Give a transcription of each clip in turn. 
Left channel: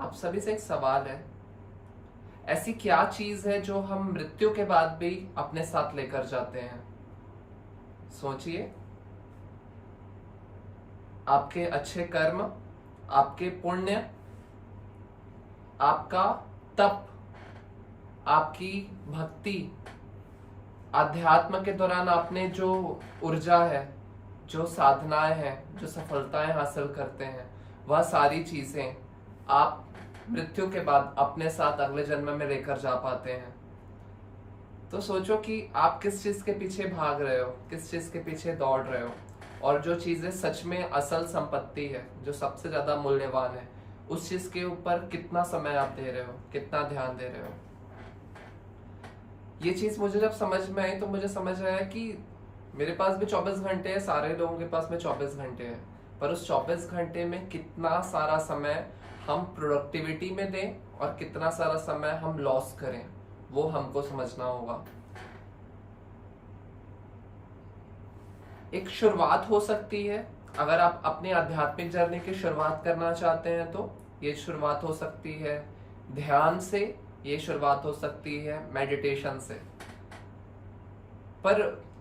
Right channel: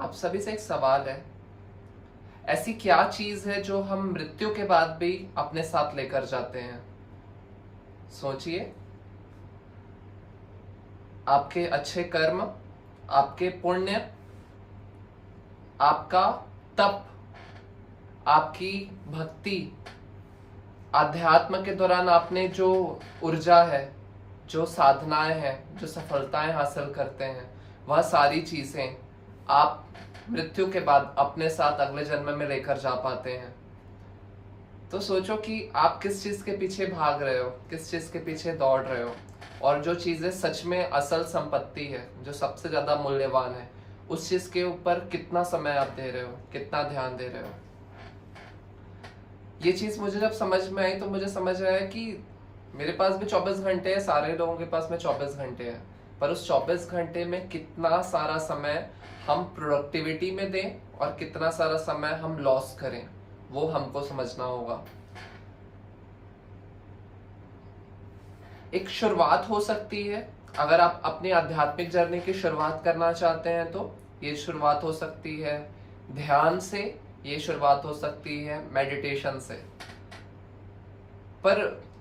आप सभी से एक सवाल है, ऐसी क्या चीज है जो हम मृत्यु के बाद भी अपने साथ लेकर जाते हैं? सोचिए। आपके अच्छे कर्म, आपके पुण्य, आपका तप, आपकी भक्ति, अध्यात्म के दौरान आपने जो ऊर्जा है, जो साधनाएं हैं, जो सफलताएं हासिल करते हैं, वह सारी चीजें आप मृत्यु के बाद अपने साथ अगले जन्म में लेकर जा पाते हैं। तो सोचो कि आप किस चीज के पीछे भाग रहे हो, किस चीज के पीछे दौड़ रहे हो, और जो चीजें सच में असल संपत्ति है, जो सबसे ज्यादा मूल्यवान है, उस चीज के ऊपर कितना समय आप दे रहे हो, कितना ध्यान दे रहे हो। ये चीज मुझे जब समझ में आई तो मुझे समझ आया कि मेरे पास भी 24 घंटे है, सारे लोगों के पास में 24 घंटे है, पर उस 24 घंटे में कितना सारा समय हम प्रोडक्टिविटी में दें और कितना सारा समय हम लॉस करें, वो हमको समझना होगा। एक शुरुआत हो सकती है, अगर आप अपनी आध्यात्मिक जर्नी की शुरुआत करना चाहते हैं तो ये शुरुआत हो सकती है ध्यान से, ये शुरुआत हो सकती है मेडिटेशन से। पर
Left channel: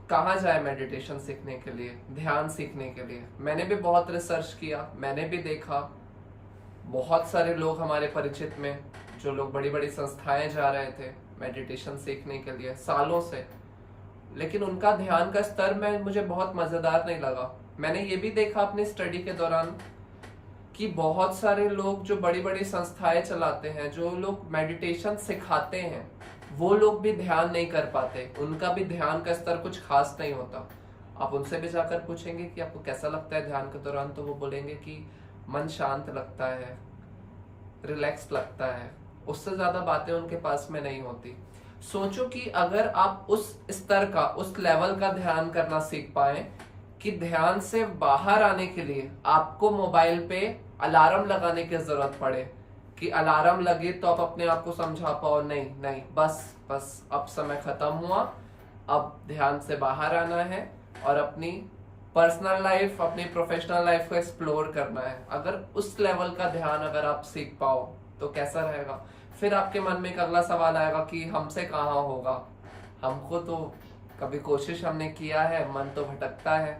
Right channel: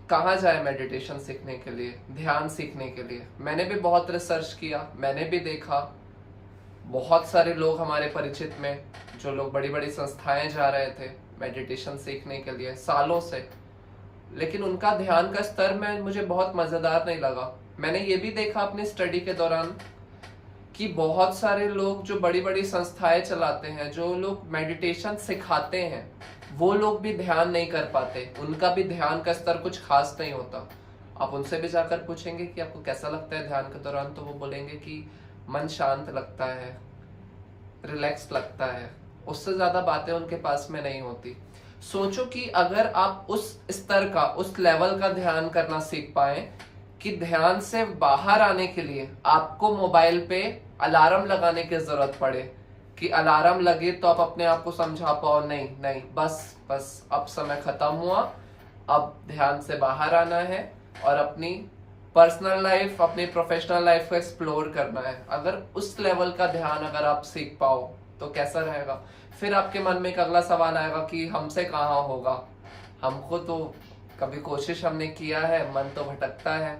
कहाँ जाए मेडिटेशन सीखने के लिए, ध्यान सीखने के लिए? मैंने भी बहुत रिसर्च किया, मैंने भी देखा बहुत सारे लोग हमारे परिचित में, जो लोग बड़ी बड़ी संस्थाएं जा रहे थे मेडिटेशन सीखने के लिए सालों से, लेकिन उनका ध्यान का स्तर में मुझे बहुत मजेदार नहीं लगा। मैंने ये भी देखा अपनी स्टडी के दौरान कि बहुत सारे लोग जो बड़ी बड़ी संस्थाएं चलाते हैं, जो लोग मेडिटेशन सिखाते हैं, वो लोग भी ध्यान नहीं कर पाते, उनका भी ध्यान का स्तर कुछ खास नहीं होता। आप उनसे भी जाकर पूछेंगे कि आपको कैसा लगता है ध्यान के दौरान, तो वो बोलेंगे कि मन शांत लगता है, रिलैक्स लगता है, उससे ज्यादा बातें उनके पास में नहीं होती। सोचो कि अगर आप उस स्तर का, उस लेवल का ध्यान करना सीख पाए कि ध्यान से बाहर आने के लिए आपको मोबाइल पे अलार्म लगाने की जरूरत पड़े, कि अलार्म लगे तो आप अपने आप को समझा पाओ नहीं नहीं बस बस अब समय खत्म हुआ, अब ध्यान से बाहर आना है और अपनी पर्सनल लाइफ, अपनी प्रोफेशनल लाइफ को एक्सप्लोर करना है। अगर उस लेवल का ध्यान अगर आप सीख पाओ तो कैसा रहेगा? फिर आपके मन में एक अगला सवाल आएगा कि हमसे कहाँ होगा, हमको तो कभी कोशिश हमने किया है, मन तो भटकता है,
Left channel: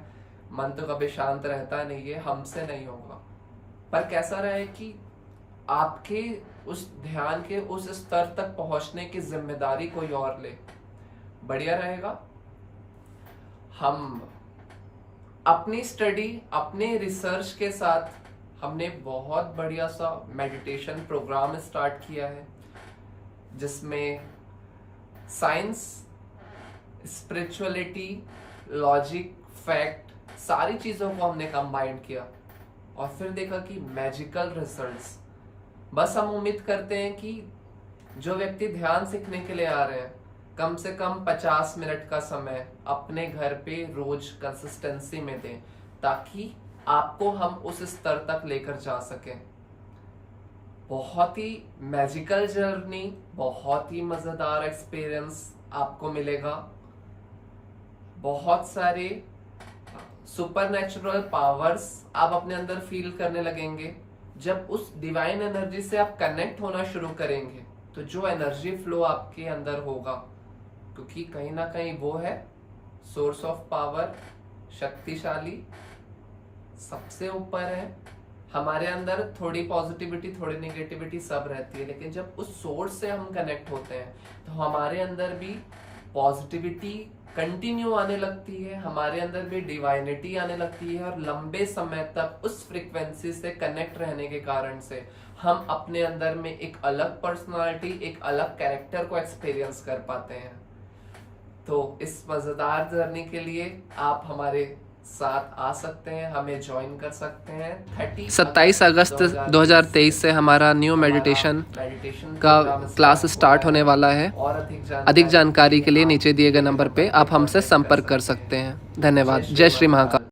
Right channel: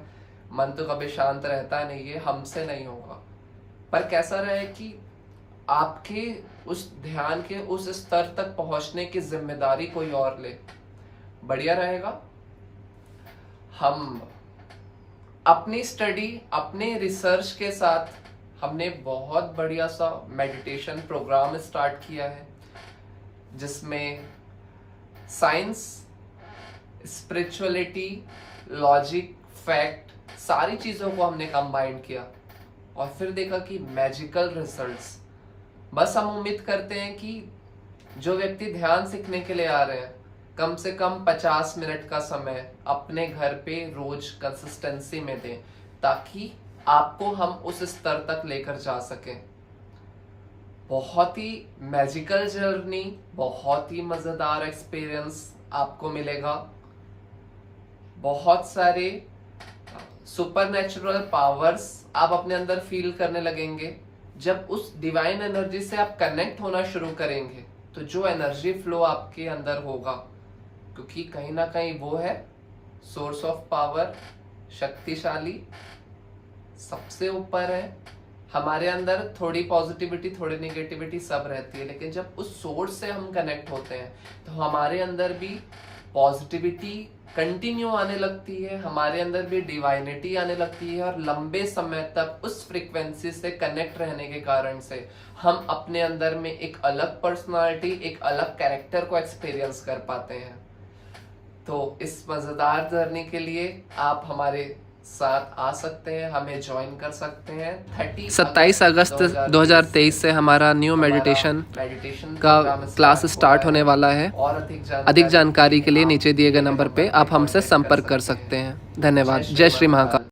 मन तो कभी शांत रहता नहीं है, हमसे नहीं होगा। पर कैसा रहे कि आपके उस ध्यान के उस स्तर तक पहुंचने की जिम्मेदारी कोई और ले, बढ़िया रहेगा। हम अपनी स्टडी, अपने रिसर्च के साथ हमने बहुत बढ़िया सा मेडिटेशन प्रोग्राम स्टार्ट किया है, जिसमें साइंस, स्पिरिचुअलिटी, लॉजिक, फैक्ट, सारी चीजों को हमने कंबाइन किया और फिर देखा कि मैजिकल रिजल्ट्स। बस हम उम्मीद करते हैं कि जो व्यक्ति ध्यान सीखने के लिए आ रहे हैं, कम से कम 50 मिनट का समय अपने घर पे रोज कंसिस्टेंसी में दें, ताकि आपको हम उस स्तर तक लेकर जा सकें। बहुत ही मैजिकल जर्नी, बहुत ही मजेदार एक्सपीरियंस आपको मिलेगा। बहुत सारे सुपरनैचुरल पावर्स आप अपने अंदर फील करने लगेंगे। जब उस डिवाइन एनर्जी से आप कनेक्ट होना शुरू करेंगे तो जो एनर्जी फ्लो आपके अंदर होगा, क्योंकि कहीं ना कहीं वो है सोर्स ऑफ पावर, शक्तिशाली, सबसे ऊपर है। हमारे अंदर थोड़ी पॉजिटिविटी, थोड़ी नेगेटिविटी सब रहती है, लेकिन जब उस सोर्स से हम कनेक्ट होते हैं तो हमारे अंदर भी पॉजिटिविटी कंटिन्यू आने लगती है, हमारे अंदर भी डिवाइनिटी आने लगती है, और लंबे समय तक उस फ्रीक्वेंसी से कनेक्ट रहने के कारण से हम अपने अंदर में एक अलग पर्सनालिटी, एक अलग कैरेक्टर को एक्सपीरियंस कर पाते हैं। तो इस मजेदार जर्नी के लिए आप हमारे साथ आ सकते हैं, हमें ज्वाइन कर सकते हैं। 27 अगस्त 2023 से हमारा न्यू मेडिटेशन का क्लास स्टार्ट होने वाला है। और अधिक जानकारी के लिए नीचे दिए गए नंबर पे आप हमसे संपर्क कर सकते हैं। धन्यवाद। जय श्री महाकाल।